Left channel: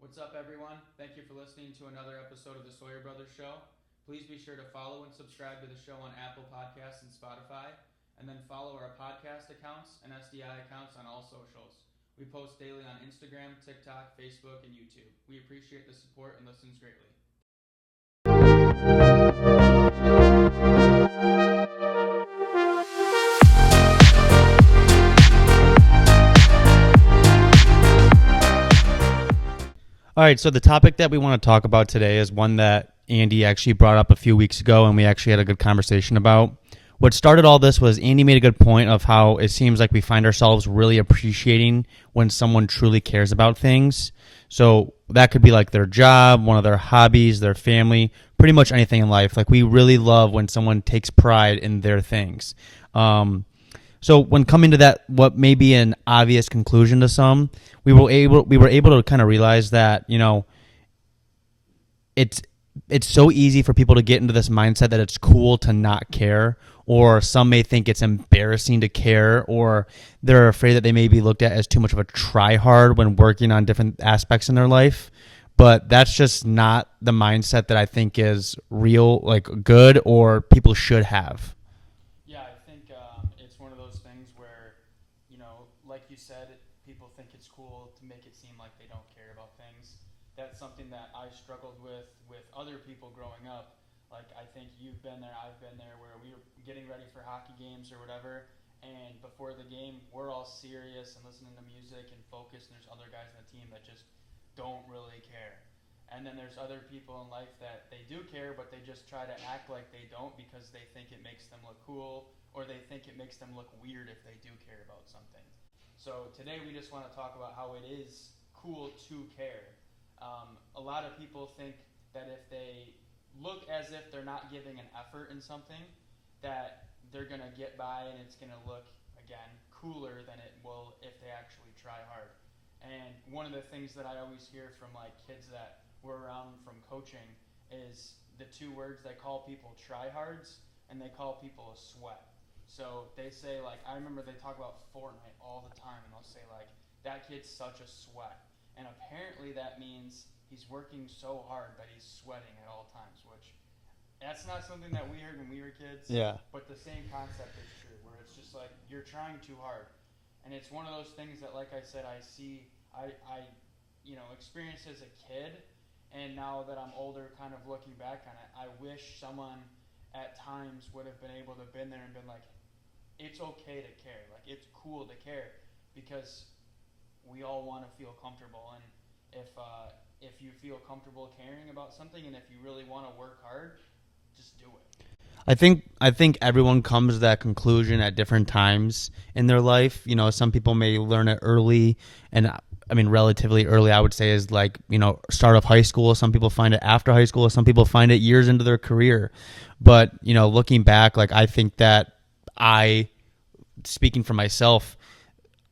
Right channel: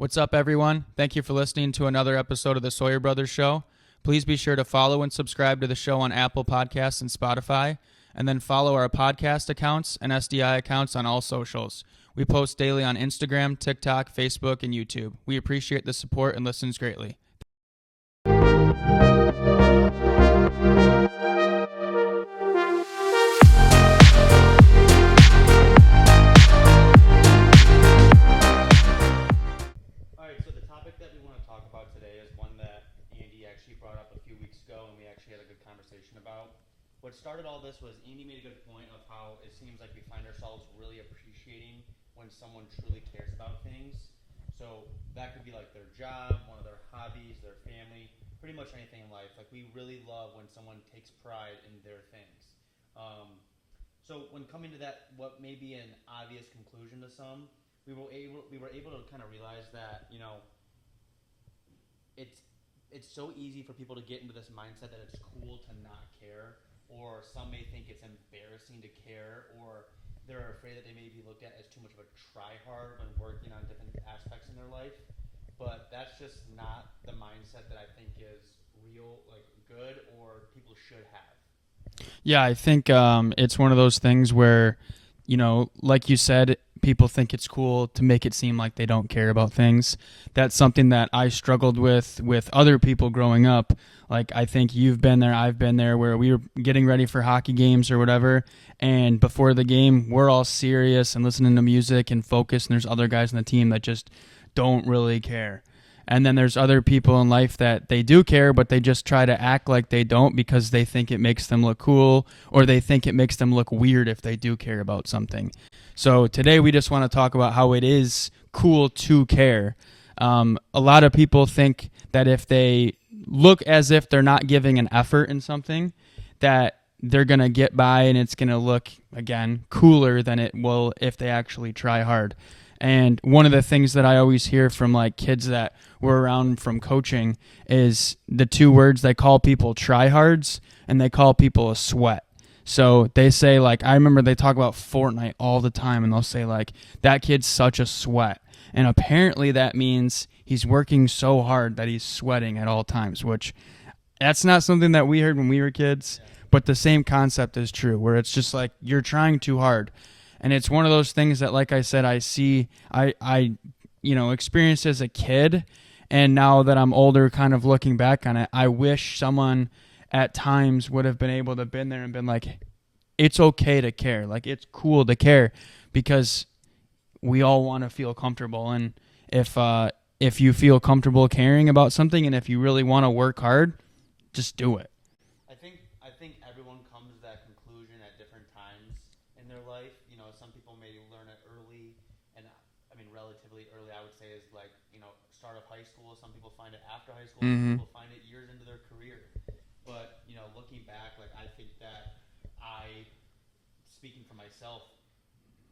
What's up, everyone? Thank you for listening to another episode of the Sawyer Brothers Show. Please be sure to follow and subscribe to the show on Apple Podcasts and Spotify, and then follow our podcast accounts and SDI accounts on all socials. We post daily on Instagram, TikTok, Facebook, and YouTube. We appreciate the support and listens greatly. All right, so the topic that we want to talk about today is one that Andy actually brought up a few weeks ago, and we actually had a good conversation about. What started all this was Andy made a good point of how it seems like we find ourselves really appreciating when someone truly cares about things. So that could be like their job, one of their hobbies, their family, pretty much anything in life. Like we really love when someone takes pride in their things. So when coming to that, what may be an obvious conclusion to some, we were able to kind of realize that, you know, it's so easy for people to get into this mindset that it's cool to not care, or some may think it's embarrassing to care, or they're afraid that they may be looked at as too much of a try-hard when working on different aspects in their life. But that's just not the mindset that I think is real, like good, or people should have. Yeah, I think it's one of those things where, you know, like you said, people think it's cool to make it seem like they don't care about things. That's something that I struggled with other people growing up. Like, I think you've been there, I've been there, where we were getting ready for hockey games or whatever, and before the game, we're all serious and listening to music and focused, and there's other guys on the team that just don't really care. And then there's other people in life that they do care, but they just try to act like they don't because they think it makes them look cool, or they think it makes them look weird if they do care about something. So today we just want to talk about how it is cool to care. A lot of people think that if they look as if they're not giving an effort in something, that they're going to get by and it's going to look, again, cooler than it will if they actually try hard. And one of the things that I always hear from like kids that were around from coaching is the two words they call people tryhards, and they call people a sweat. So they say, like, I remember they talk about Fortnite all the time, and they'll say, like, that kid's such a sweat. And apparently that means he's working so hard that he's sweating at all times, which that's not something that we heard when we were kids. Yeah. But the same concept is true, where it's just like you're trying too hard. And it's one of those things that, like I said, I experienced as a kid, and now that I'm older, kind of looking back on it, I wish someone at times would have been able to been there and been like, it's okay to care. Like, it's cool to care, because we all want to feel comfortable. And if you feel comfortable caring about something, and if you really want to work hard, just do it. I think everyone comes to that conclusion at different times in their life. You know, some people may learn it early, and I mean, relatively early, I would say, is like, you know, start of high school. Some people find it after high school. Mm-hmm. Some people find it years into their career. But, you know, looking back, like, I think that speaking for myself,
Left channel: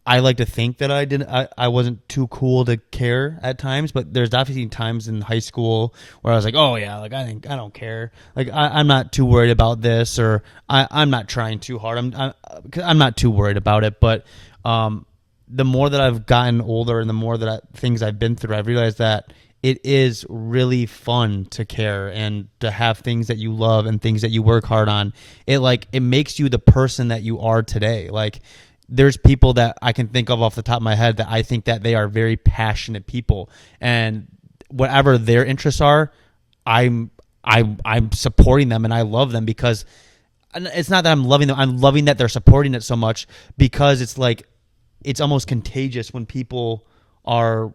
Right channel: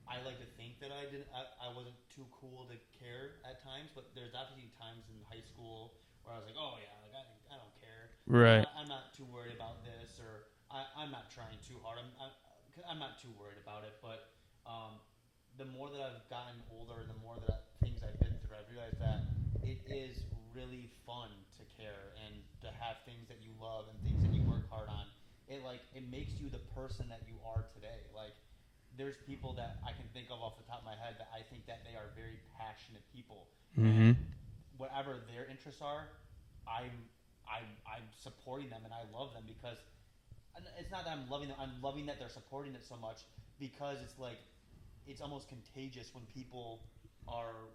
I like to think that I wasn't too cool to care at times, but there's definitely times in high school where I was like, oh yeah, like I don't care. Like right. I'm not too worried about this, or I'm not trying too hard. I'm not too worried about it. But the more that I've gotten older and the more that things I've been through, I've realized that it is really fun to care and to have things that you love and things that you work hard on. It makes you the person that you are today. Like, there's people that I can think of off the top of my head that I think that they are very passionate people, mm-hmm. and whatever their interests are, I'm supporting them and I love them, because it's not that I'm loving them. I'm loving that they're supporting it so much, because it's like, it's almost contagious when people are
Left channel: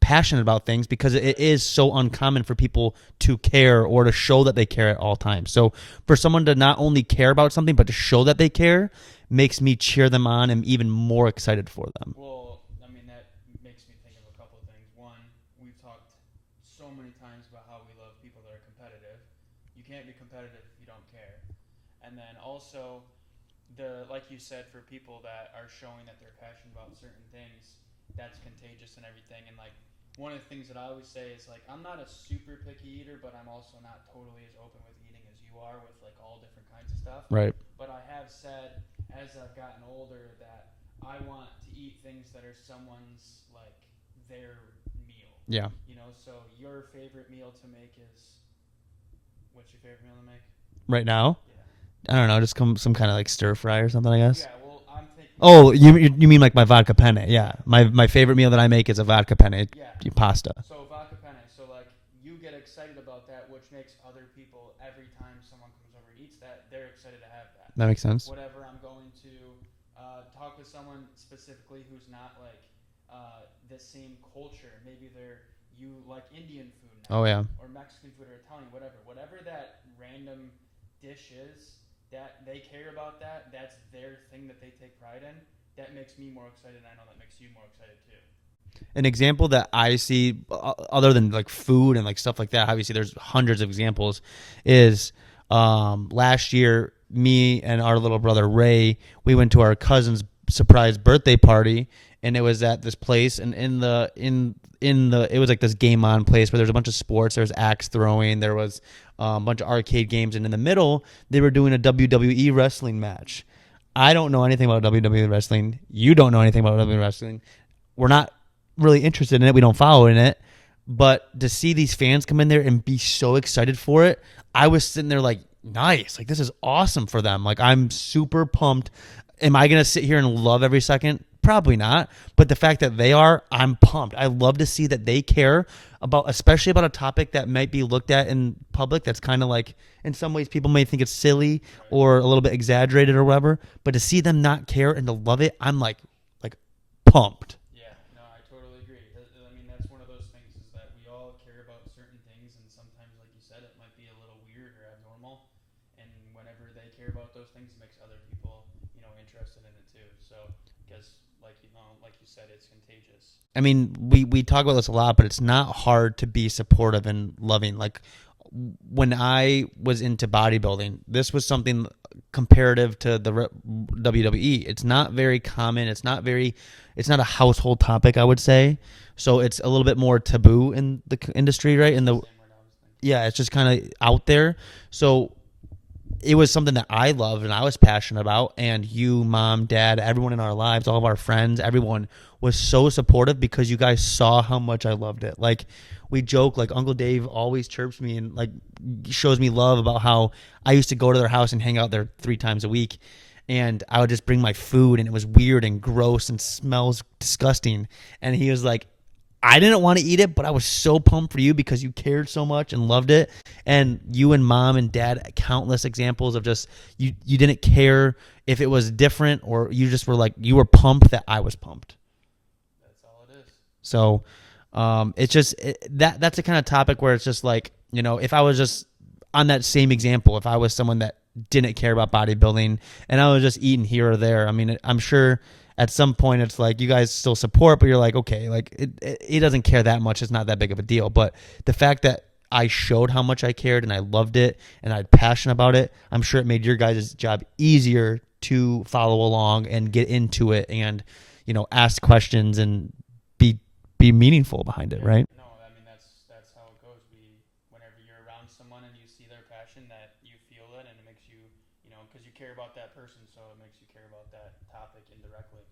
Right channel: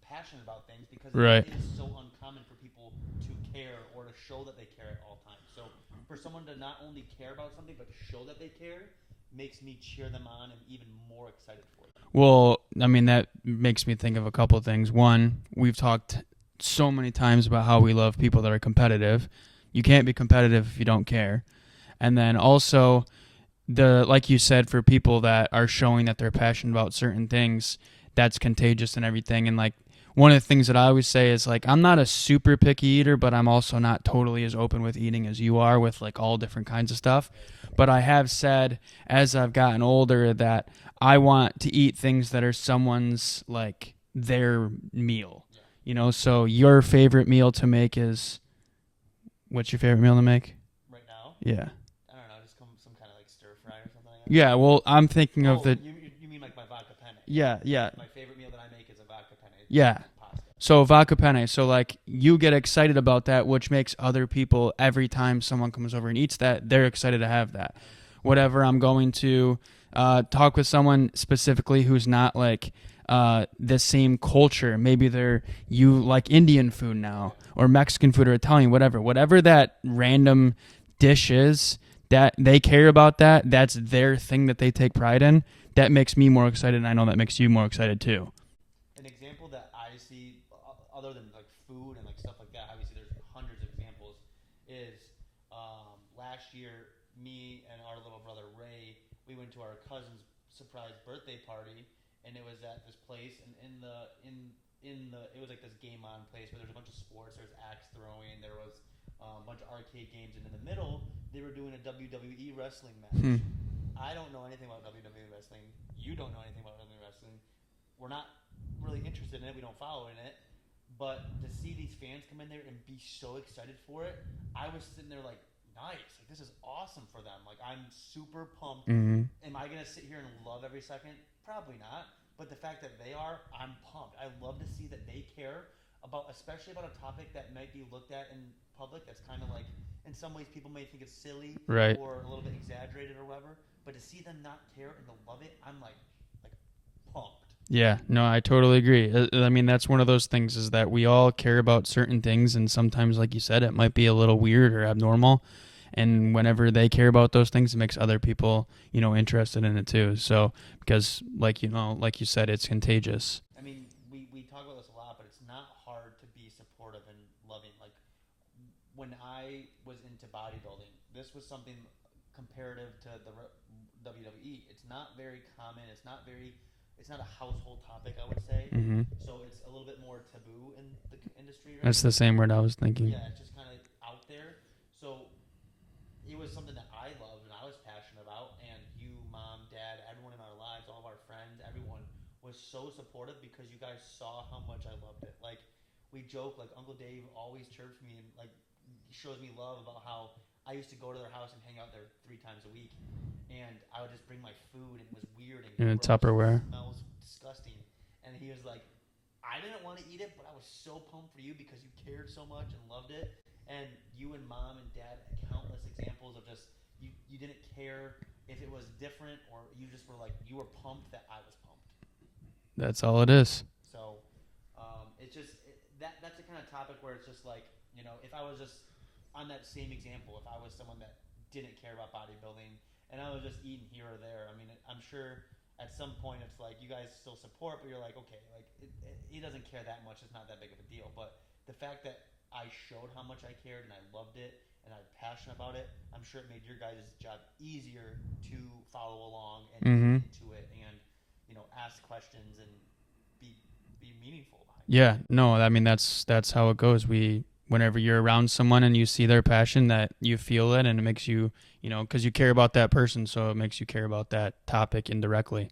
passionate about things, because right. It is so uncommon for people to care or to show that they care at all times. So for someone to not only care about something, but to show that they care, makes me cheer them on and even more excited for them. Well, I mean, that makes me think of a couple of things. One, we've talked so many times about how we love people that are competitive. You can't be competitive if you don't care. And then also, like you said, for people that are showing that they're passionate about certain things, that's contagious and everything. And like, one of the things that I always say is, like, I'm not a super picky eater, but I'm also not totally as open with eating as you are with, like, all different kinds of stuff. Right. But I have said, as I've gotten older, that I want to eat things that are someone's, like, their meal. Yeah. So your favorite meal to make is, what's your favorite meal to make? Right now, Yeah. I don't know, just some kind of like stir fry or something, I guess. Yeah, well, I'm thinking. Oh, you mean like my vodka penne? Yeah, Yeah. yeah. My favorite meal that I make is a vodka penne. Yeah. Pasta. So vodka penne. So like you get excited about that, which makes other people, every time someone comes over and eats that, they're excited to have that. That makes sense. Whatever I'm going to talk with someone specifically who's not like the same culture. Maybe you like Indian food now, Oh, yeah. or Mexican food or Italian, whatever that random dish is that they care about, that's their thing that they take pride in. That makes me more excited, and I know that makes you more excited too. An example that I see, other than like food and like stuff like that, obviously there's hundreds of examples, is last year, me and our little brother Ray, we went to our cousin's surprise birthday party, and it was at this place, and it was like this game on place where there's a bunch of sports. There was axe throwing, there was a bunch of arcade games, and in the middle they were doing a WWE wrestling match. I don't know anything about WWE wrestling. You don't know anything about WWE wrestling. We're not really interested in it. We don't follow in it. But to see these fans come in there and be so excited for it, I was sitting there like, nice. Like, this is awesome for them. Like, I'm super pumped. Am I going to sit here and love every second? Probably not. But the fact that they are, I'm pumped. I love to see that they care about, especially about a topic that might be looked at in public that's kind of like, in some ways people may think it's silly, right, or a little bit exaggerated or whatever. But to see them not care and to love it, I'm like pumped. Yeah, no, I totally agree. I mean, that's one of those things, is that we all care about certain things, and sometimes, like you said, it might be a little weird or abnormal. And whenever they care about those things, it makes other people, interested in it too. So, because like you said, it's contagious. I mean, we talk about this a lot, but it's not hard to be supportive and loving. Like, when I was into bodybuilding, this was something comparative to the WWE. It's not very common. It's not a household topic, I would say. So it's a little bit more taboo in the industry, right? That's the same word I was thinking. Yeah, it's just kind of out there. So it was something that I loved and I was passionate about. And you, Mom, Dad, everyone in our lives, all of our friends, everyone was so supportive because you guys saw how much I loved it. Like, we joke, like Uncle Dave always chirps me and like shows me love about how I used to go to their house and hang out there 3 times a week. And I would just bring my food, and it was weird and gross and smells disgusting. And he was like, I didn't want to eat it, but I was so pumped for you because you cared so much and loved it. And you and Mom and Dad, countless examples of just you didn't care if it was different, or you just were like, you were pumped that I was pumped. That's all it is. So it's just that's the kind of topic where it's just like, if I was just on that same example, if I was someone that didn't care about bodybuilding and I was just eating here or there, I mean, I'm sure at some point it's like you guys still support, but you're like, okay, like it doesn't care that much. It's not that big of a deal. But the fact that I showed how much I cared and I loved it and I had passion about it, I'm sure it made your guys' job easier to follow along and get into it and, ask questions and be meaningful behind it. Yeah, right? No, I mean, that's how it goes. Whenever you're around someone and you see their passion, that you feel it, and it makes you, because you care about that person, so it makes you care about that topic indirectly.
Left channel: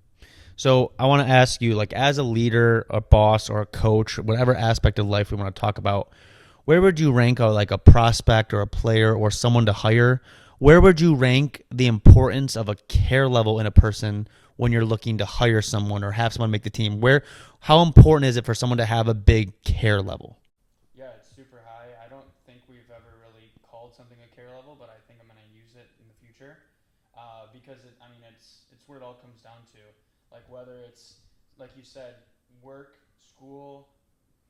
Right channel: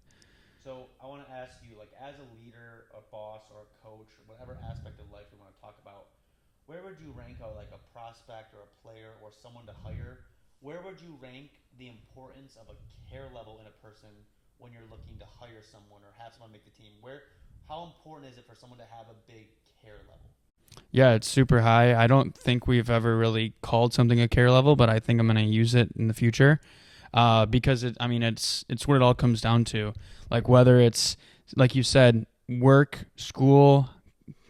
So I want to ask you, like, as a leader, a boss, or a coach, whatever aspect of life we want to talk about, where would you rank a prospect or a player or someone to hire? Where would you rank the importance of a care level in a person when you're looking to hire someone or have someone make the team? How important is it for someone to have a big care level? Yeah, it's super high. I don't think we've ever really called something a care level, but I think I'm going to use it in the future because it's what it all comes down to. Like, whether it's, like you said, work, school,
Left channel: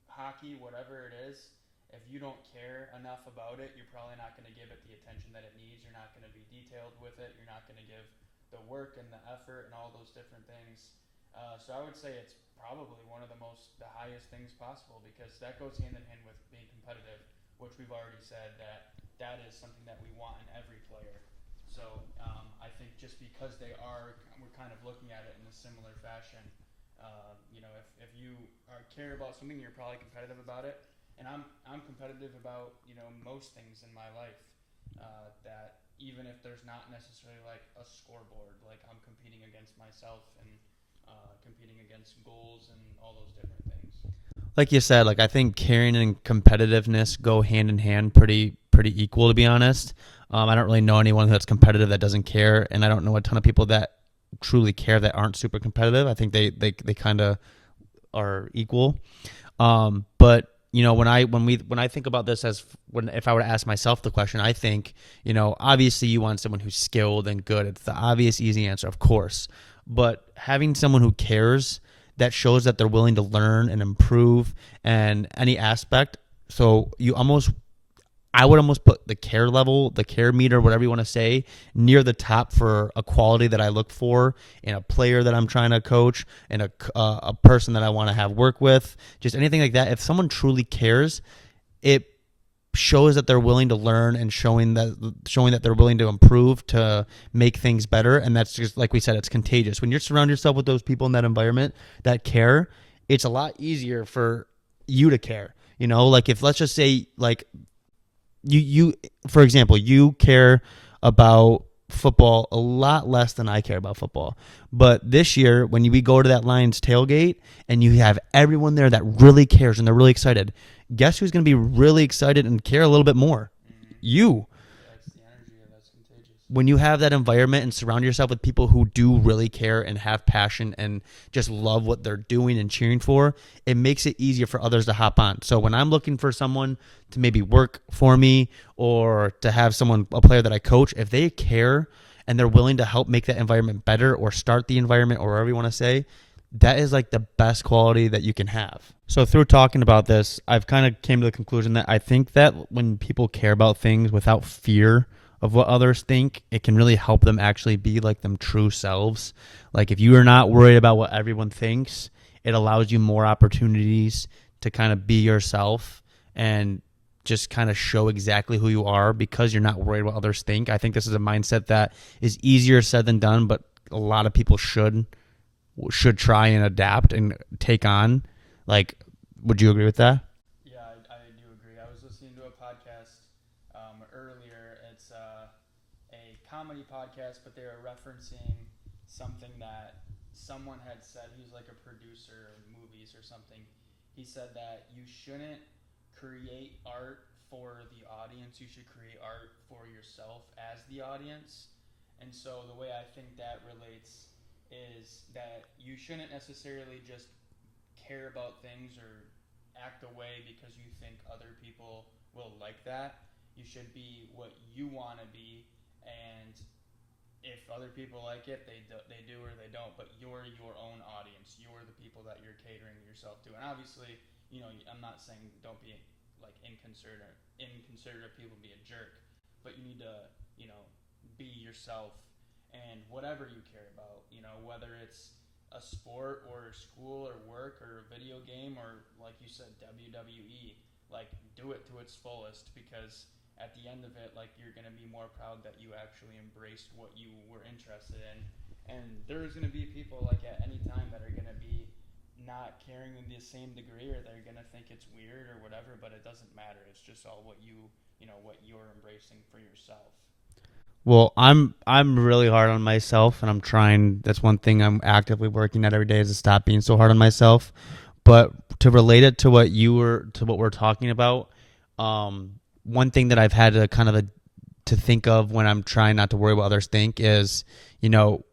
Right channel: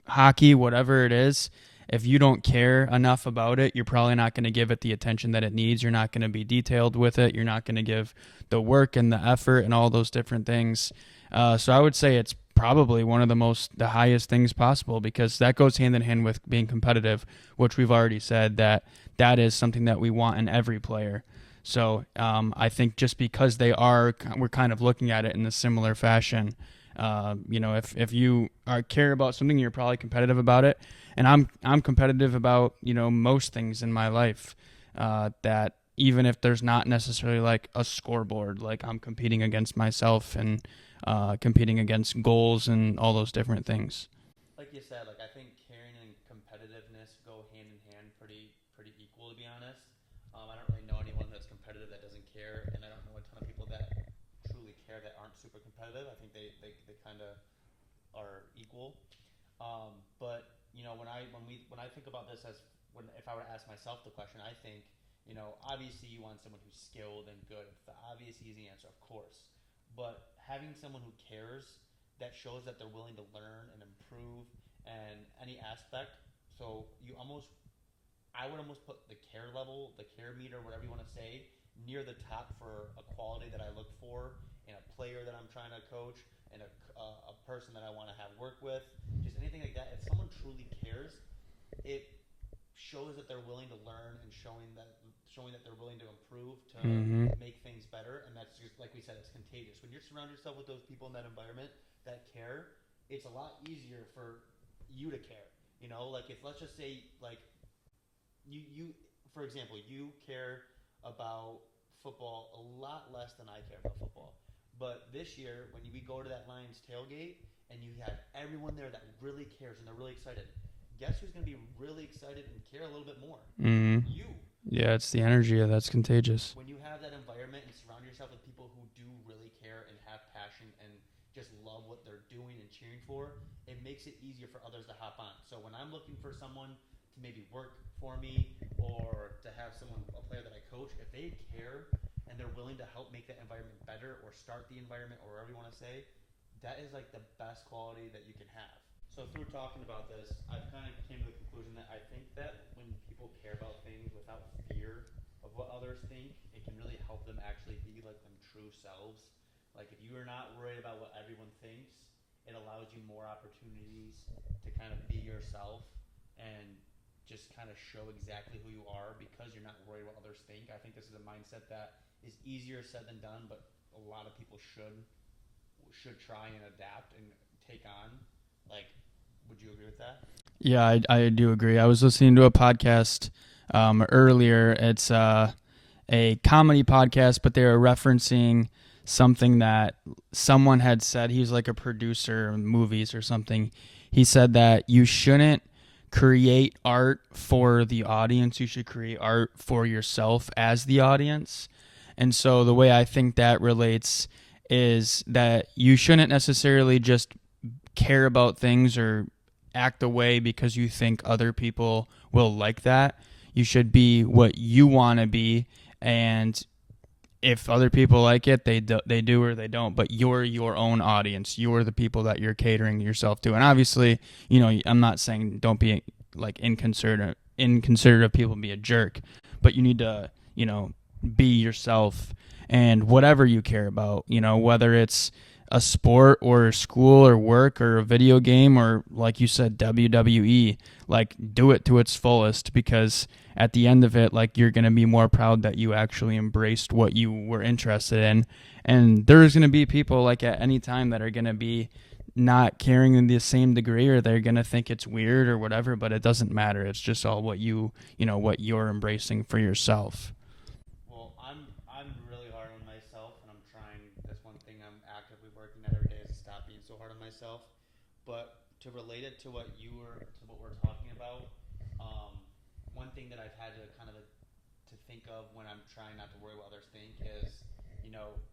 hockey, whatever it is, if you don't care enough about it, you're probably not going to give it the attention that it needs. You're not going to be detailed with it. You're not going to give the work and the effort and all those different things. So I would say it's probably one of the highest things possible, because that goes hand in hand with being competitive, which we've already said that is something that we want in every player. So I think just because we're kind of looking at it in a similar fashion. If you care about something, you're probably competitive about it. And I'm competitive about, most things in my life, that even if there's not necessarily like a scoreboard, like I'm competing against myself and competing against goals and all those different things. Like you said, like I think caring and competitiveness go hand in hand pretty equal, to be honest. I don't really know anyone that's competitive that doesn't care, and I don't know a ton of people that truly care that aren't super competitive. I think they kind of are equal. But you know, when I think about this if I were to ask myself the question, I think, you know, obviously you want someone who's skilled and good. It's the obvious easy answer, of course. But having someone who cares, that shows that they're willing to learn and improve and any aspect. So I would almost put the care level, the care meter, whatever you want to say, near the top for a quality that I look for in a player that I'm trying to coach and a person that I want to have work with, just anything like that. If someone truly cares, it shows that they're willing to learn and showing that they're willing to improve to make things better. And that's just, like we said, it's contagious. When you surround yourself with those people in that environment that care, it's a lot easier for you to care. You know, like if, let's just say, like, you for example, you care about football a lot less than I care about football. But this year, when we go to that Lions tailgate and you have everyone there that really cares and they're really excited, guess who's going to be really excited and care a little bit more? You. Yeah, it's the energy that's contagious. When you have that environment and surround yourself with people who do really care and have passion and just love what they're doing and cheering for, it makes it easier for others to hop on. So when I'm looking for someone to maybe work for me or to have a player that I coach, if they care and they're willing to help make that environment better or start the environment or whatever you want to say, that is like the best quality that you can have. So through talking about this, I've kind of came to the conclusion that I think that when people care about things without fear of what others think, it can really help them actually be like them true selves. Like if you are not worried about what everyone thinks, it allows you more opportunities to kind of be yourself and just kind of show exactly who you are because you're not worried what others think. I think this is a mindset that is easier said than done, but a lot of people should try and adapt and take on. Like, would you agree with that? Yeah, I do agree. I was listening to a podcast earlier. It's a comedy podcast, but they were referencing something that someone had said. He was like a producer of movies or something. He said that you shouldn't create art for the audience. You should create art for yourself as the audience. And so the way I think that relates is that you shouldn't necessarily just care about things or act a way because you think other people will like that. You should be what you want to be, and if other people like it, they do or they don't, but you're your own audience. You're the people that you're catering yourself to. And obviously, you know, I'm not saying don't be like inconsiderate of people and be a jerk, but you need to, you know, be yourself and whatever you care about, you know, whether it's a sport or school or work or a video game or, like you said, WWE, like do it to its fullest, because at the end of it, like you're going to be more proud that you actually embraced what you were interested in. And there's going to be people like at any time that are going to be not caring in the same degree, or they're going to think it's weird or whatever, but it doesn't matter. It's just all what what you're embracing for yourself. Well, I'm really hard on myself, and I'm trying. That's one thing I'm actively working at every day, is to stop being so hard on myself. But to relate it to what we're talking about, one thing that I've had to to think of when I'm trying not to worry what others think is, you know,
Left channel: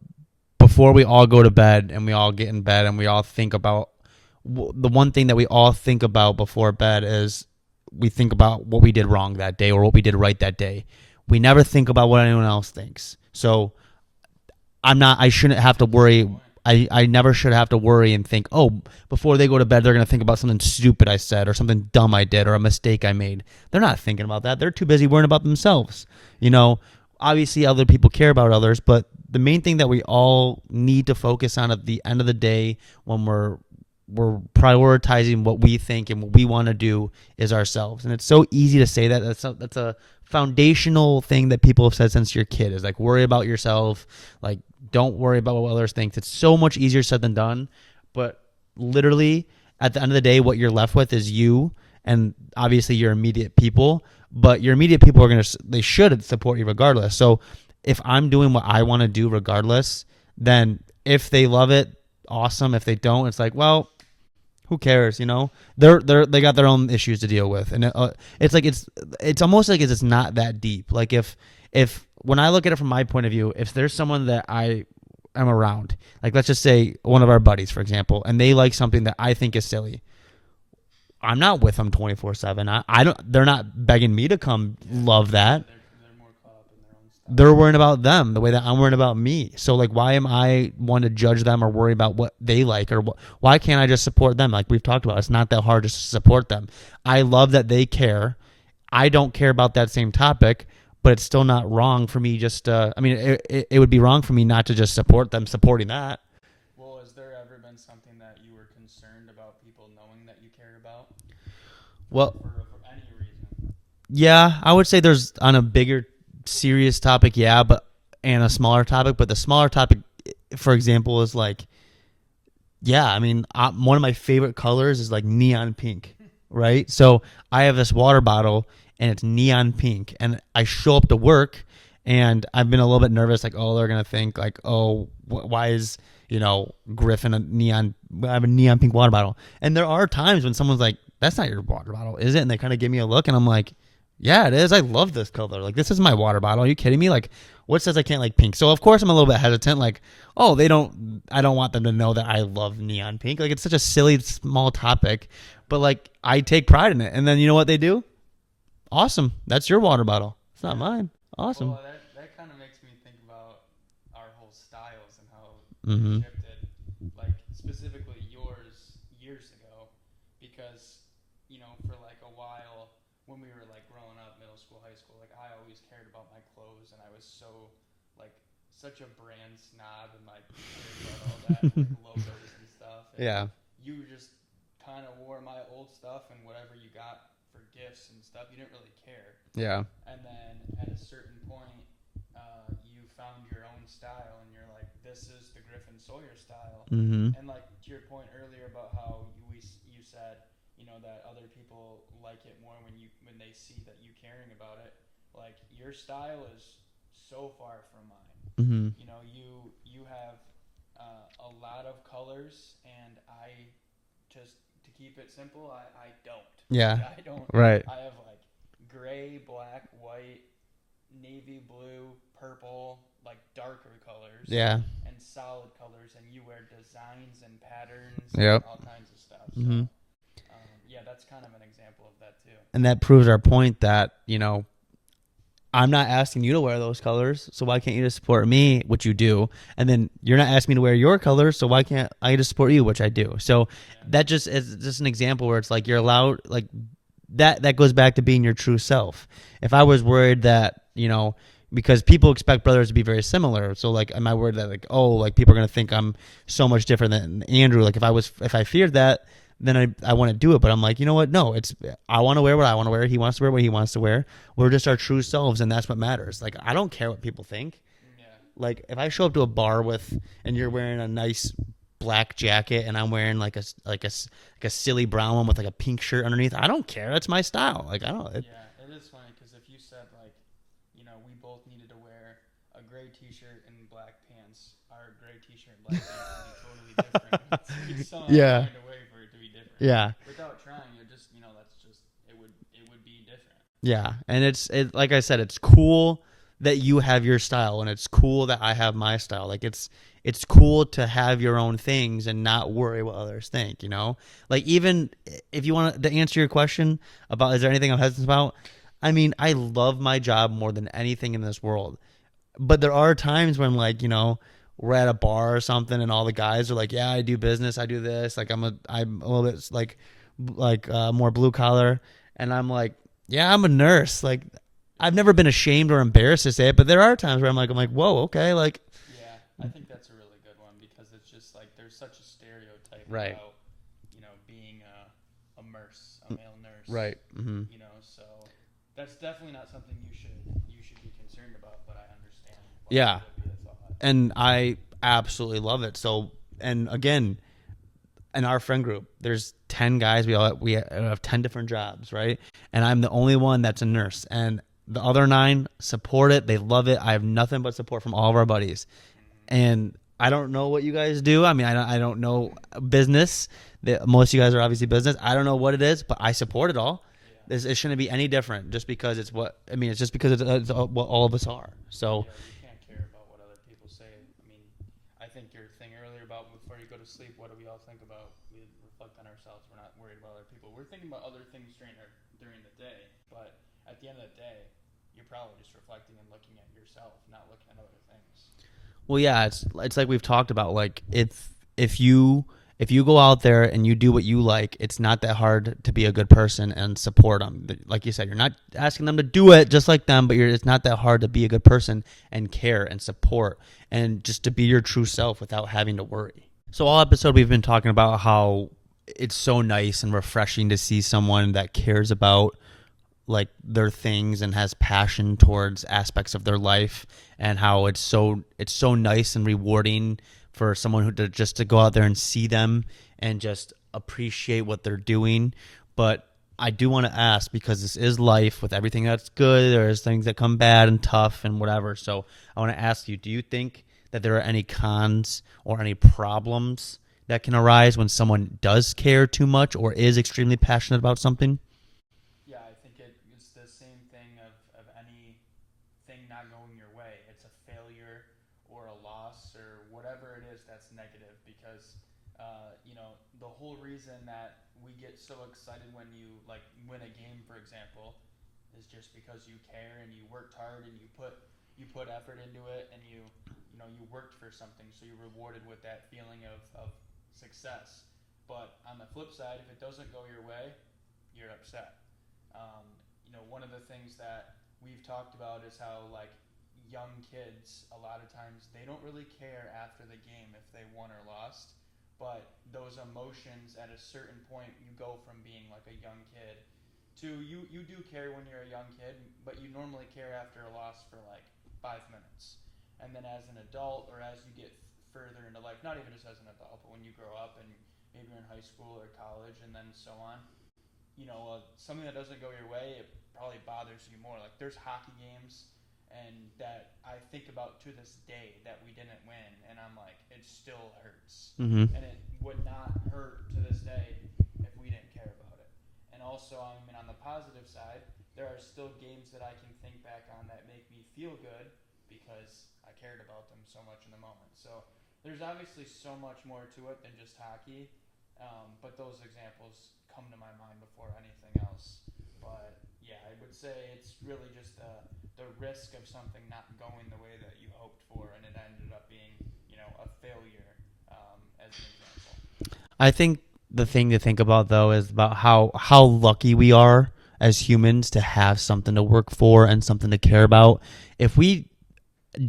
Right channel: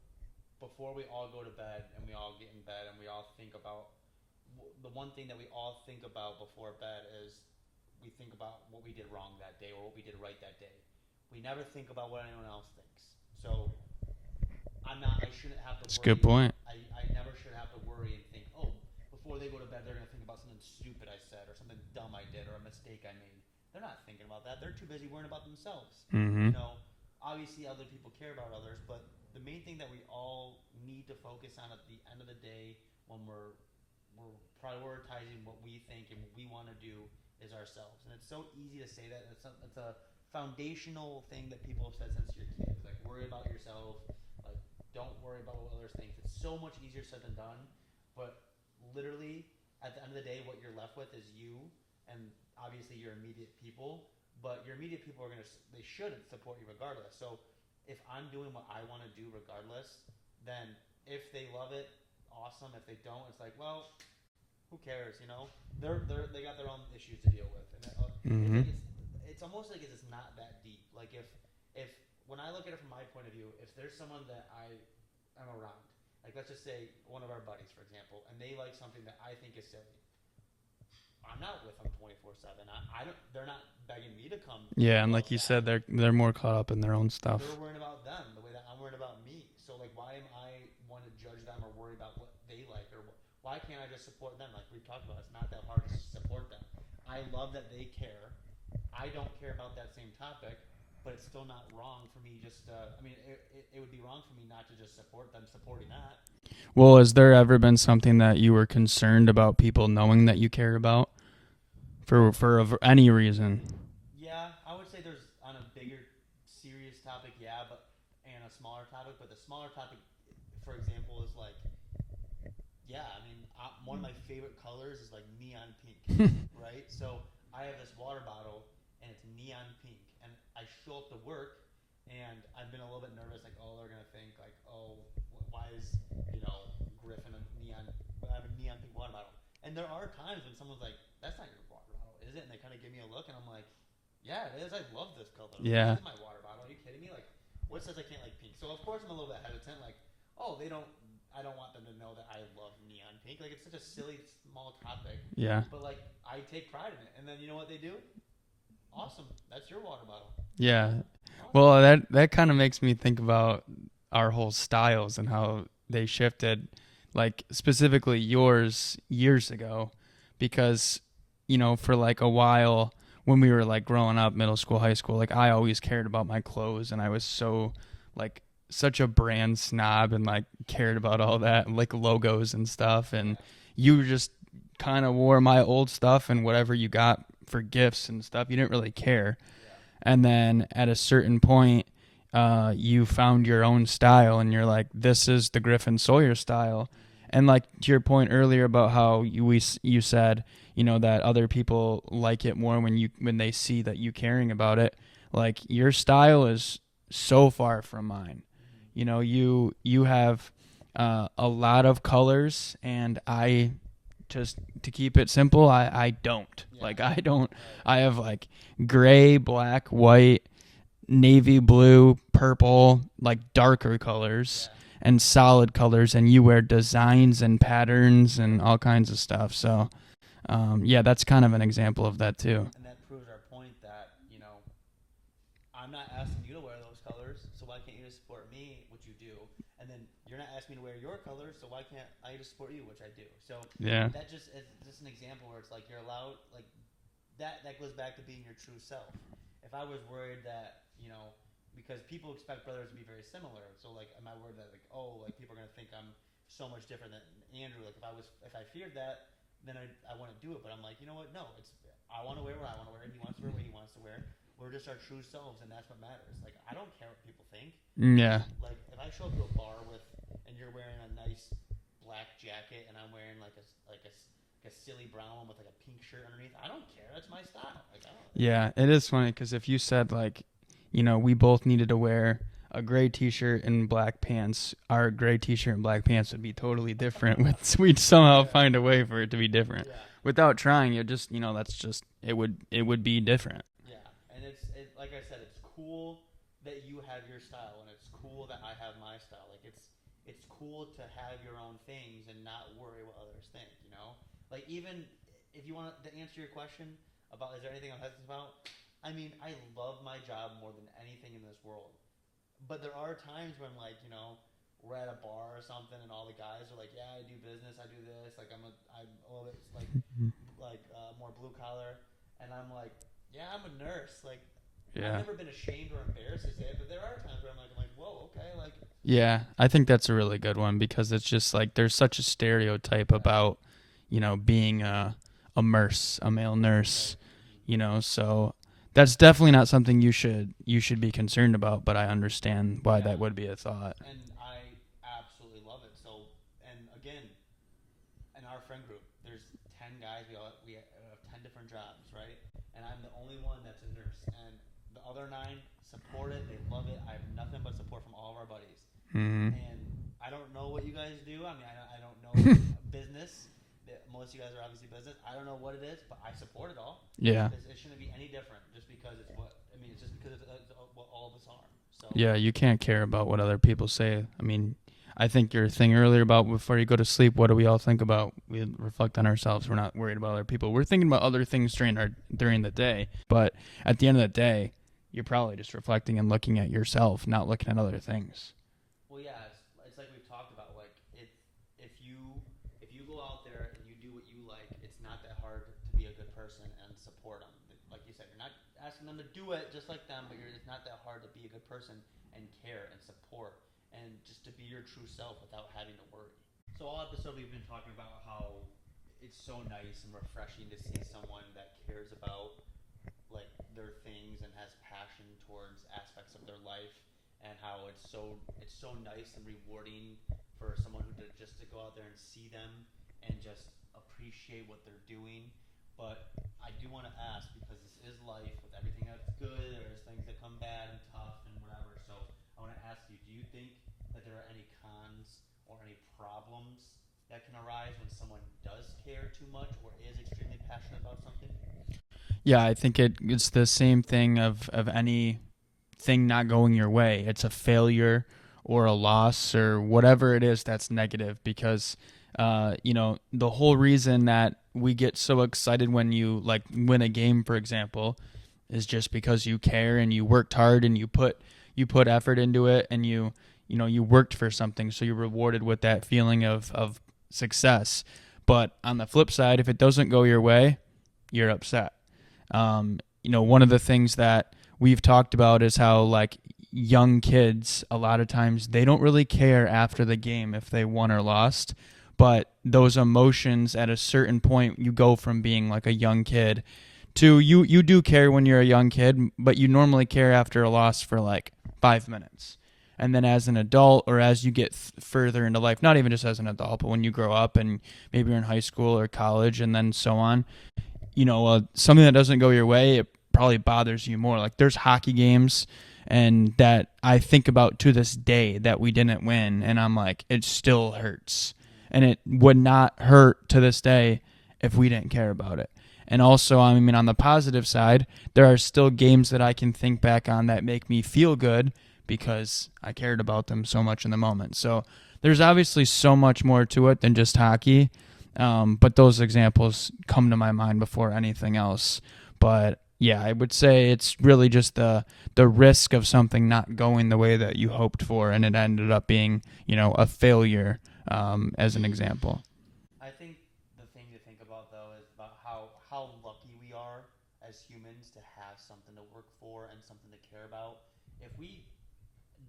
before we all go to bed and we all get in bed and we all think about, the one thing that we all think about before bed is we think about what we did wrong that day or what we did right that day. We never think about what anyone else thinks. So I shouldn't have to worry. I never should have to worry and think, oh, before they go to bed, they're going to think about something stupid I said or something dumb I did or a mistake I made. They're not thinking about that. They're too busy worrying about themselves. You know, obviously other people care about others, but the main thing that we all need to focus on at the end of the day when we're prioritizing what we think and what we want to do is ourselves. And it's so easy to say that. That's a foundational thing that people have said since you're a kid, is like, worry about yourself. Like, don't worry about what others think. It's so much easier said than done. But literally, at the end of the day, what you're left with is you and obviously your immediate people. But your immediate people they should support you regardless. So if I'm doing what I want to do regardless, then if they love it, awesome. If they don't, it's like, well, who cares? You know, they got their own issues to deal with, and it's like it's almost like it's not that deep. Like if when I look at it from my point of view, if there's someone that I am around, like let's just say one of our buddies, for example, and they like something that I think is silly, I'm not with them 24/7. I don't. They're not begging me to come love that. Said, they're more caught up in their own stuff. They're worrying about them the way that I'm worrying about me. So like, why am I one to judge them or worry about what they like, or why can't I just support them? Like we've talked about, it's not that hard to support them. I love that they care. I don't care about that same topic, but it's still not wrong for me. Just I mean, it would be wrong for me not to just support them supporting that. Well, has there ever been something that you were concerned about people knowing that you care about for any reason? Yeah, I would say there's on a bigger serious topic, and a smaller topic. But the smaller topic, for example, is like, I mean, one of my favorite colors is like neon pink, right? So I have this water bottle and it's neon pink, and I show up to work and I've been a little bit nervous, like, oh, they're gonna think like, oh, why is Griff in I have a neon pink water bottle. And there are times when someone's like, that's not your water bottle, is it? And they kind of give me a look and I'm like, yeah, it is. I love this color. Like, this is my water bottle. Are you kidding me? Like, what says I can't like pink? So of course I'm a little bit hesitant. Like, oh, I don't want them to know that I love neon pink. Like, it's such a silly, small topic. Yeah. But like, I take pride in it. And then you know what they do? Awesome. That's your water bottle. It's not mine. Awesome. Well, that kind of makes me think about our whole styles and how they shifted, like specifically yours years ago, because, for like a while when we were like growing up, middle school, high school, like I always cared about my clothes and I was such a brand snob and like cared about all that and like logos and stuff. And you just kind of wore my old stuff and whatever you got for gifts and stuff. You didn't really care. Yeah. And then at a certain point, you found your own style and you're like, this is the Griff and Sawyer style. And like to your point earlier about how you said, that other people like it more when they see that you caring about it. Like your style is so far from mine. You have a lot of colors, and I just, to keep it simple, I don't. Like I don't. Right. I have like gray, black, white, navy blue, purple, like darker colors, and solid colors, and you wear designs and patterns and all kinds of stuff. So that's kind of an example of that too. And that proves our point that I'm not asking you to wear those colors, so why can't you just support me, which you do? And then you're not asking me to wear your colors, so why can't I just support you, which I do? So that just is just an example where it's like you're allowed, like that goes back to being your true self. If I was worried that, because people expect brothers to be very similar, so like, am I worried that like, oh, like people are gonna think I'm so much different than Andrew? Like if I feared that, then I want to do it. But I'm like, you know what? No, I want to wear what I want to wear. He wants to wear what he wants to wear. We're just our true selves, and that's what matters. Like, I don't care what people think. Yeah. Like, if I show up to a bar and you're wearing a nice black jacket, and I'm wearing like a silly brown one with like a pink shirt underneath, I don't care. That's my style. Like, I don't. It is funny because if you said like, we both needed to wear a gray t-shirt and black pants, our gray t-shirt and black pants would be totally different. We'd somehow find a way for it to be different. Yeah. Without trying, you just, that's just, it would be different. Yeah. And it's like I said, it's cool that you have your style, and it's cool that I have my style. Like it's cool to have your own things and not worry what others think, Like, even if you want to answer your question about, is there anything I'm hesitant about? I mean, I love my job more than anything in this world. But there are times when, like, we're at a bar or something, and all the guys are like, "Yeah, I do business, I do this." Like, I'm a little bit like more blue collar, and I'm like, "Yeah, I'm a nurse." Like, I've never been ashamed or embarrassed to say it, but there are times where I'm like, "Whoa, okay." Like, yeah, I think that's a really good one because it's just like there's such a stereotype about, being a male nurse, right? So. That's definitely not something you should be concerned about, but I understand why that would be a thought. And I absolutely love it. So, and again, in our friend group, there's 10 guys. We have 10 different jobs, right? And I'm the only one that's a nurse. And the other 9 support it. They love it. I have nothing but support from all of our buddies. And I don't know what you guys do. I mean, I don't know business. Most of you guys are obviously business. I don't know what it is, but I support it all. Yeah. It shouldn't be any different just because it's what I mean. It's just because it's what all of us are. So Yeah, you can't care about what other people say. I mean, I think your thing earlier about before you go to sleep, what do we all think about? We reflect on ourselves. We're not worried about other people. We're thinking about other things during the day. But at the end of the day, you're probably just reflecting and looking at yourself, not looking at other things. Well, yeah, it's like we've talked about. Like if you go out there and you do what you like, it's not that hard to be a good person and support them. Like you said, you're not asking them to do it just like them, but it's not that hard to be a good person and care and support and just to be your true self without having to worry. So all episode we've been talking about how it's so nice and refreshing to see someone that cares about like their things and has passion towards aspects of their life, and how it's so nice and rewarding for someone just to go out there and see them and just appreciate what they're doing. But I do want to ask, because this is life with everything that's good, there's things that come bad and tough and whatever. So I want to ask you, do you think that there are any cons or any problems that can arise when someone does care too much or is extremely passionate about something? Yeah, I think it's the same thing of any thing not going your way. It's a failure or a loss or whatever it is that's negative, because the whole reason that we get so excited when you like win a game, for example, is just because you care and you worked hard and you put effort into it, and you worked for something, so you're rewarded with that feeling of success. But on the flip side, if it doesn't go your way, you're upset. One of the things that we've talked about is how like young kids, a lot of times they don't really care after the game if they won or lost, but those emotions at a certain point, you go from being like a young kid to you do care when you're a young kid, but you normally care after a loss for like 5 minutes. And then as an adult, or as you get further into life, not even just as an adult, but when you grow up and maybe you're in high school or college and then so on, something that doesn't go your way, it probably bothers you more. Like there's hockey games and that I think about to this day that we didn't win, and I'm like, it still hurts. Mm-hmm. And it would not hurt to this day if we didn't care about it. And also, I mean, on the positive side, there are still games that I can think back on that make me feel good because I cared about them so much in the moment. So there's obviously so much more to it than just hockey. But those examples come to my mind before anything else. But yeah, I would say it's really just the risk of something not going the way that you hoped for, and it ended up being, a failure, as an example. I think the thing to think about, though, is about how lucky we are as humans to have something to work for and something to care about. If we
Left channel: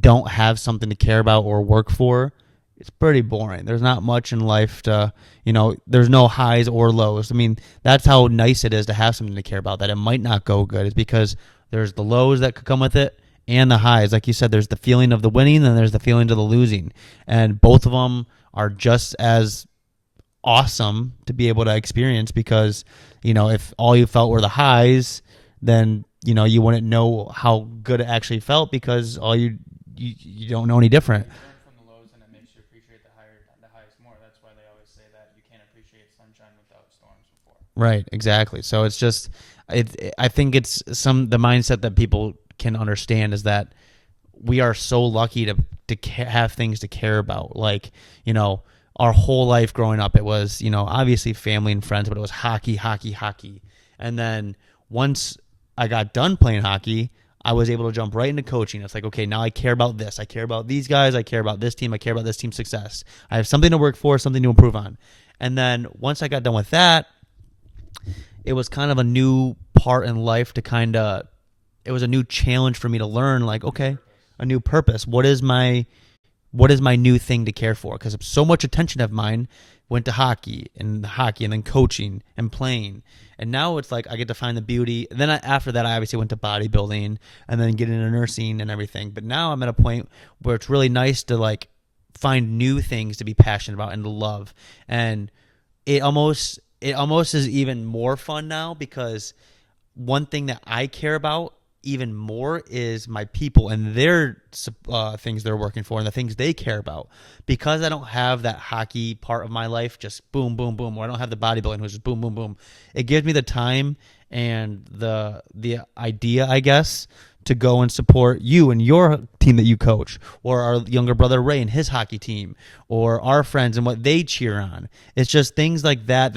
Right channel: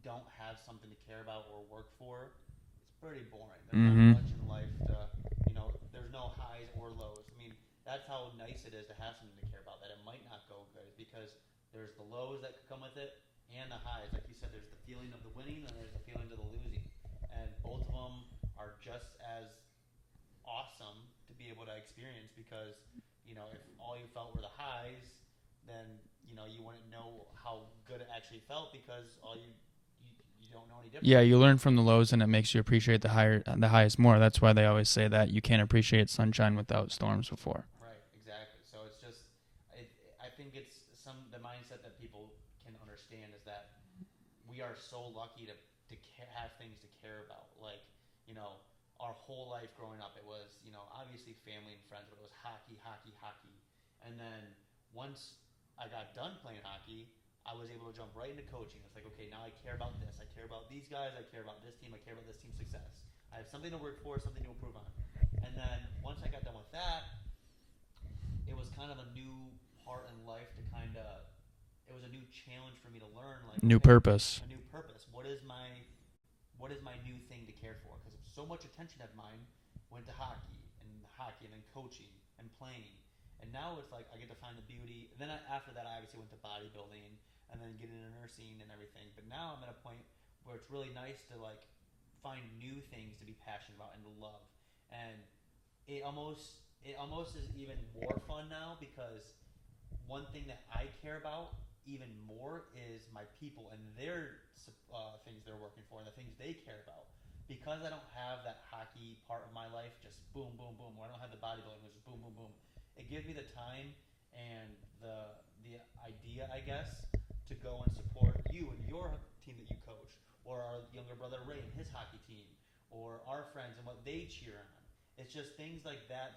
don't have something to care about or work for, it's pretty boring. There's not much in life to, there's no highs or lows. I mean, that's how nice it is to have something to care about, that it might not go good. It's because there's the lows that could come with it and the highs. Like you said, there's the feeling of the winning and there's the feeling of the losing. And both of them are just as awesome to be able to experience, because, if all you felt were the highs, then, you wouldn't know how good it actually felt, because all you don't know any different. Yeah, you learn from the lows, and it makes you appreciate the highest more. That's why they always say that you can't appreciate sunshine without storms before. Right, exactly. So it's just, I think it's the mindset that people can understand is that we are so lucky to have things to care about. Like, our whole life growing up, it was, obviously family and friends, but it was hockey. And then once I got done playing hockey, I was able to jump right into coaching. It's like, okay, now I care about this. I care about these guys. I care about this team. I care about this team's success. I have something to work for, something to improve on. And then once I got done with that, it was kind of a new part in life it was a new challenge for me to learn, like, okay, a new purpose. What is my new thing to care for? Because so much attention of mine went to hockey and then coaching and playing. And now it's like I get to find the beauty. And then after that, I obviously went to bodybuilding and then get into nursing and everything. But now I'm at a point where it's really nice to like find new things to be passionate about and to love. And it almost is even more fun now, because one thing that I care about even more is my people and their things they're working for and the things they care about. Because I don't have that hockey part of my life, just boom, boom, boom, or I don't have the bodybuilding, which is boom, boom, boom. It gives me the time and the idea, I guess, to go and support you and your team that you coach, or our younger brother Ray and his hockey team, or our friends and what they cheer on. It's just things like that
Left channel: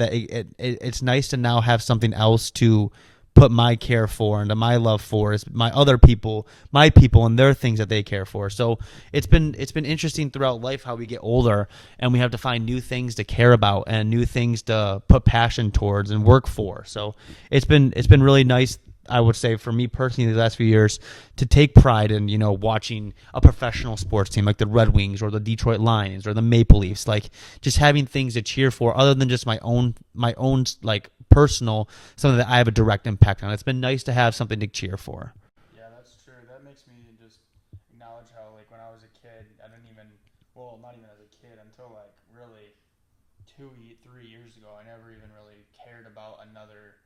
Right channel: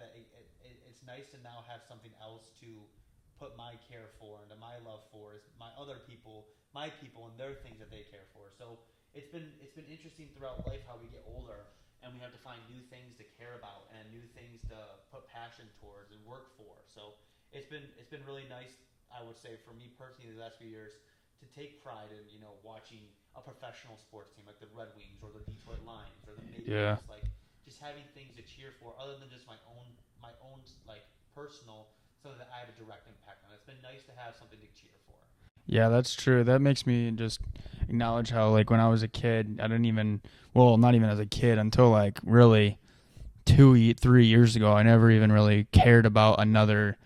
it's nice to now have something else to put my care for and my love for is my other people, my people and their things that they care for. So it's been interesting throughout life how we get older and we have to find new things to care about and new things to put passion towards and work for. So it's been really nice, I would say, for me personally the last few years to take pride in, watching a professional sports team like the Red Wings or the Detroit Lions or the Maple Leafs, like just having things to cheer for other than just my own like personal, something that I have a direct impact on. It's been nice to have something to cheer for. Yeah, that's true. That makes me just acknowledge how, like, when I was a kid, I didn't even, well, not even as a kid, until like really 3 years ago, I never even really cared about another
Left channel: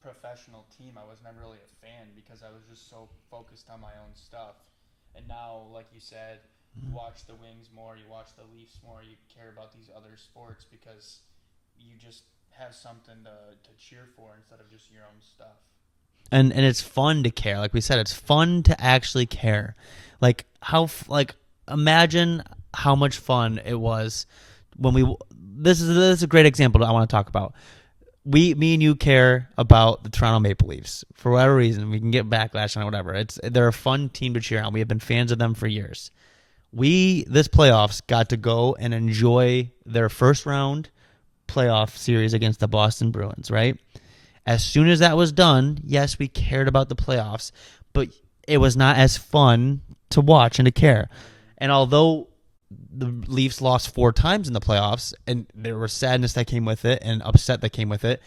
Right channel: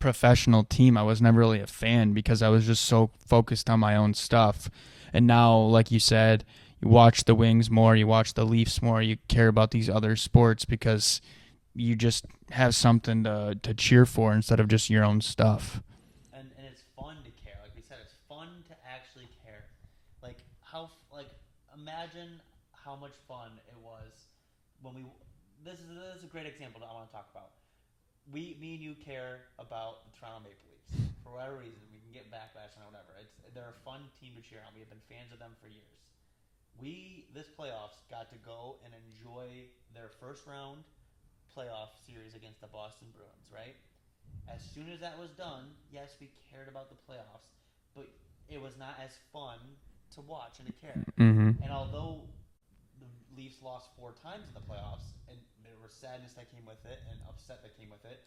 professional team. I was never really a fan because I was just so focused on my own stuff. And now, like you said, you watch the Wings more, you watch the Leafs more, you care about these other sports because you just have something to cheer for instead of just your own stuff. And it's fun to care. Like we said, it's fun to actually care. Like imagine how much fun it was when this is a great example that I want to talk about. Me and you care about the Toronto Maple Leafs for whatever reason. We can get backlash on it, whatever. They're a fun team to cheer on. We have been fans of them for years. This playoffs got to go and enjoy their first round playoff series against the Boston Bruins, right? As soon as that was done, yes, we cared about the playoffs, but it was not as fun to watch and to care. Mm-hmm. And although the Leafs lost 4 times in the playoffs, and there was sadness that came with it and upset that came with it,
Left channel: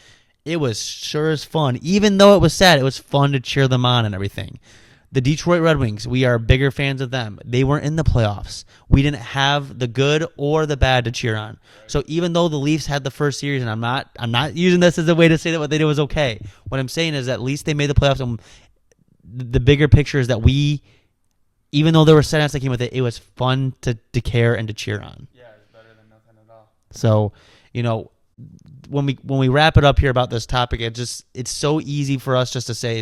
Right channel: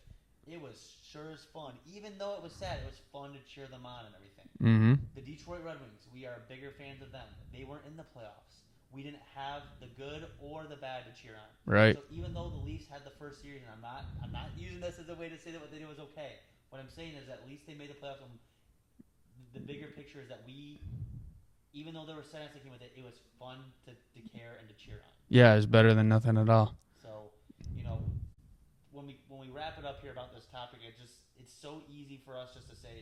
it was sure as fun. Even though it was sad, it was fun to cheer them on and everything. Mm-hmm. The Detroit Red Wings, we are bigger fans of them. They weren't in the playoffs. We didn't have the good or the bad to cheer on. Right. So even though the Leafs had the first series, and I'm not using this as a way to say that what they did was okay. What I'm saying is at least they made the playoffs. And the bigger picture is that even though there were sadness that came with it, it was fun to care and to cheer on. Yeah, it's better than nothing at all. So, when we wrap it up here about this topic, it's so easy for us just to say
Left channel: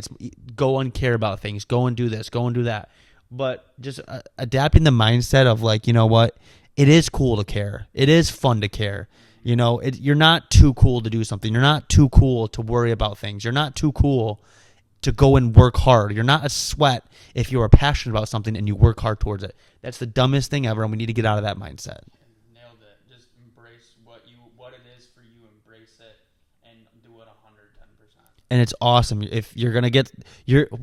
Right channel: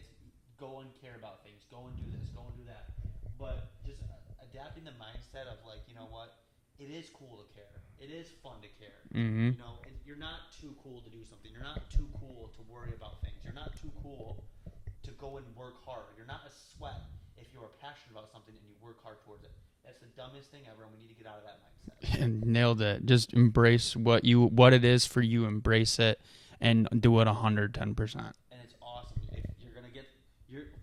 go and care about things, go and do this, go and do that. But just adapting the mindset of like, you know what, it is cool to care. It is fun to care. Mm-hmm. You're not too cool to do something. You're not too cool to worry about things. You're not too cool to go and work hard. You're not a sweat if you are passionate about something and you work hard towards it. That's the dumbest thing ever, and we need to get out of that mindset. And nailed it. Just embrace what it is for you. Embrace it and do it 110%. And it's awesome. If you're gonna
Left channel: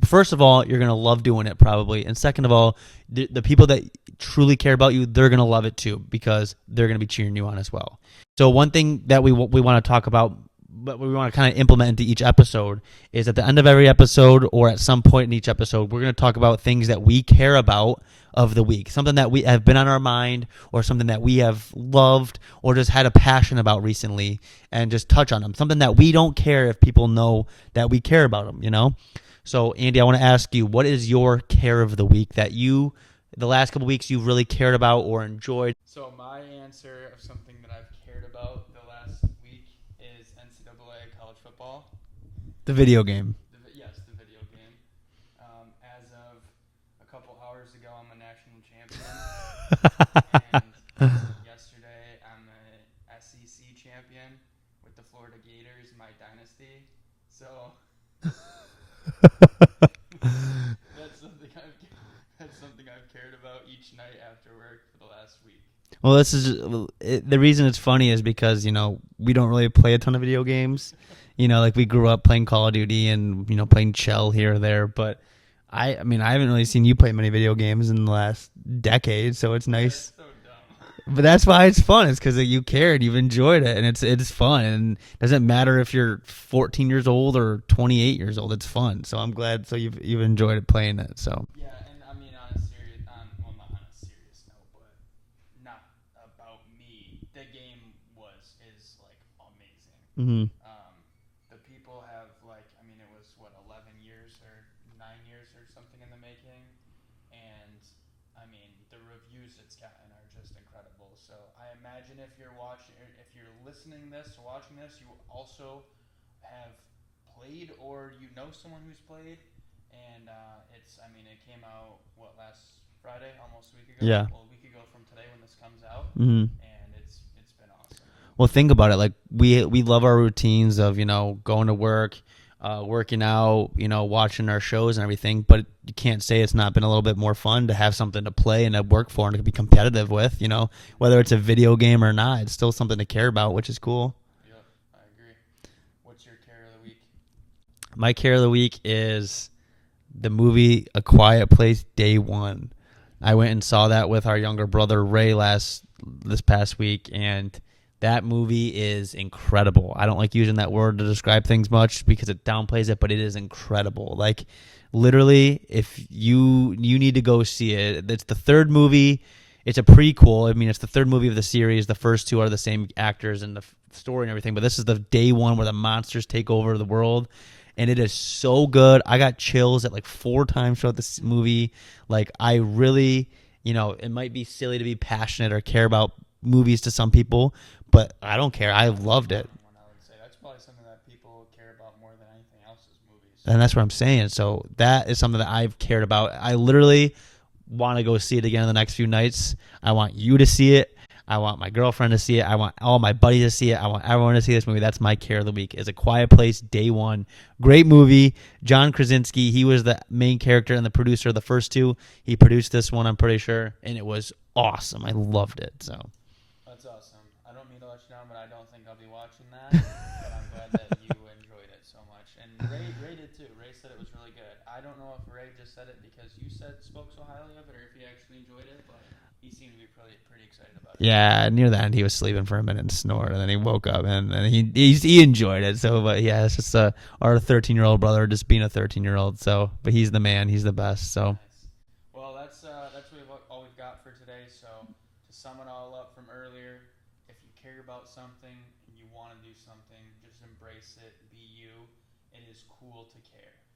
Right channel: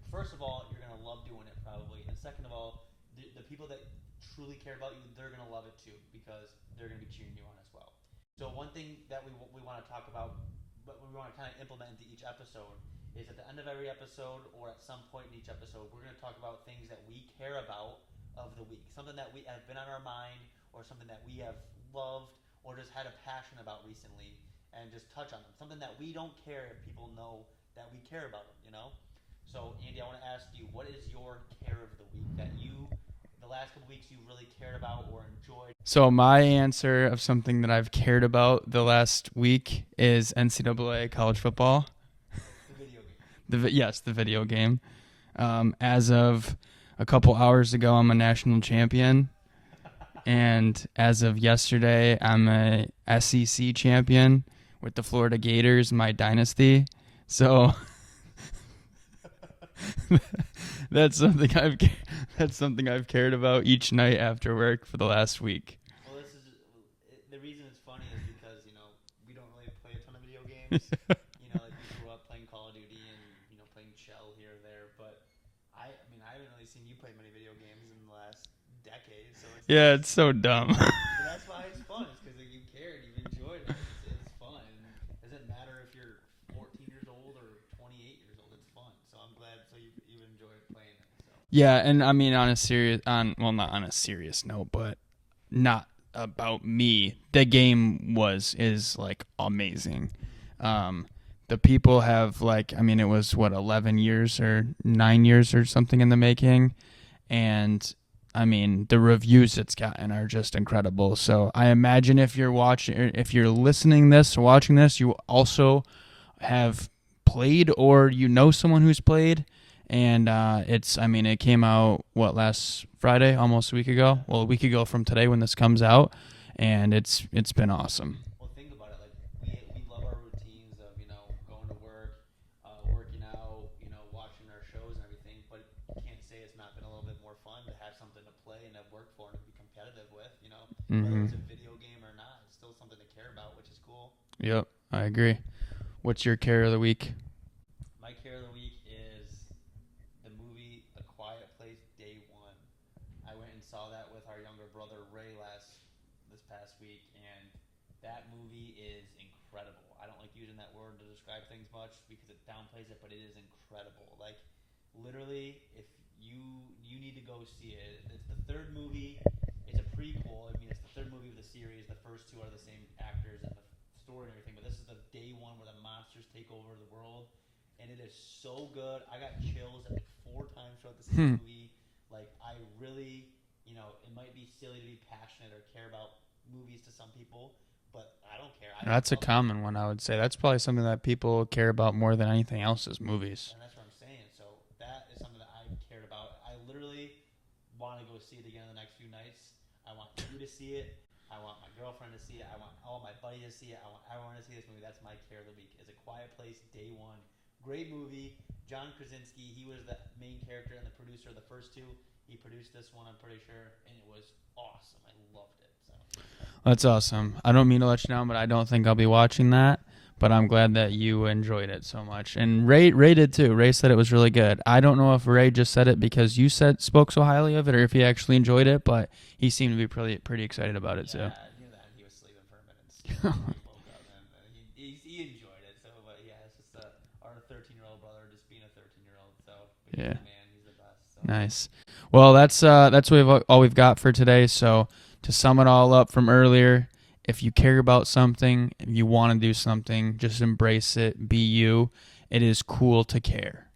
first of all, you're gonna love doing it probably, and second of all, the people that truly care about you, they're gonna love it too because they're gonna be cheering you on as well. So one thing that we want to talk about, but we want to kind of implement into each episode, is at the end of every episode or at some point in each episode, we're going to talk about things that we care about of the week, something that we have been on our mind or something that we have loved or just had a passion about recently, and just touch on them, something that we don't care if people know that we care about them, So Andy, I want to ask you, what is your care of the week that the last couple of weeks you've really cared about or enjoyed? So my answer of something that I've cared about the last week is NCAA college football. The video game. Yes, the video game. As of a couple hours ago, I'm a national champion. And as of yesterday, I'm a SEC champion with the Florida Gators, my dynasty. So that's something I've cared about each night after work for the last week. Well, this is the reason it's funny is because, we don't really play a ton of video games. Like we grew up playing Call of Duty and, playing Shell here or there. But I haven't really seen you play many video games in the last decade. So it's nice. Yeah, it's so dumb. But that's why it's fun. It's because you cared, you've enjoyed it, and it's fun. And it doesn't matter if you're 14 years old or 28 years old. It's fun. So I'm glad. So you've enjoyed it playing it. So yeah, and I mean not on a serious note, but not about me. The game is like amazing. Mm-hmm. the people have like, I mean, it was what 11 years or 9 years or something in the making, and I mean, the reviews it's gotten are just incredible. So I imagine if you're listening this, watching this, you also have played or you know someone who's played. And it came out last Friday, almost a week ago. Yeah. Well, a week ago from today when this comes out, Mm-hmm. and it's been awesome. Well, think about it. Like we love our routines of going to work, working out, watching our shows and everything. But you can't say it's not been a little bit more fun to have something to play and to work for and to be competitive with. Whether it's a video game or not, it's still something to care about, which is cool. Yep, I agree. What's your care of the week? My care of the week is the movie A Quiet Place Day One. I went and saw that with our younger brother Ray this past week, and that movie is incredible. I don't like using that word to describe things much because it downplays it, but it is incredible. Like literally, if you need to go see it. It's the third movie. It's a prequel. I mean, it's the third movie of the series. The first two are the same actors and the story and everything, but this is the day one where the monsters take over the world. And it is so good. I got chills at like 4 times throughout this movie. Like I really, it might be silly to be passionate or care about movies to some people, but I don't care. That's loved a common one, I would say. That's probably something that people care about more than anything else is movies. And that's what I'm saying. So that is something that I've cared about. I literally want to go see it again in the next few nights. I want you to see it. I want my girlfriend to see it. I want all my buddies to see it. I want everyone to see this movie. That's my care of the week. Is A Quiet Place Day One. Great movie. John Krasinski, he was the main character and the producer of the first two. He produced this one, I'm pretty sure, and it was awesome. I loved it. So that's awesome. I don't mean to let you down, but I don't think I'll be watching that. But I'm glad that you enjoyed it so much. And Ray did too. Ray said it was really good. I don't know if Ray just said it because you spoke so highly of it or if he actually enjoyed it, but he seemed to be pretty excited about it. Yeah, so. Near the end he was sleeping for a minute and snored, and then he woke up and he enjoyed it. So, but yeah, it's just our 13-year-old brother just being a 13-year-old. So, but he's the man, he's the best. So nice. Well, that's all we've got for today. So to sum it all up from earlier, if you care about something, if you want to do something, just embrace it. Be you. It is cool to care.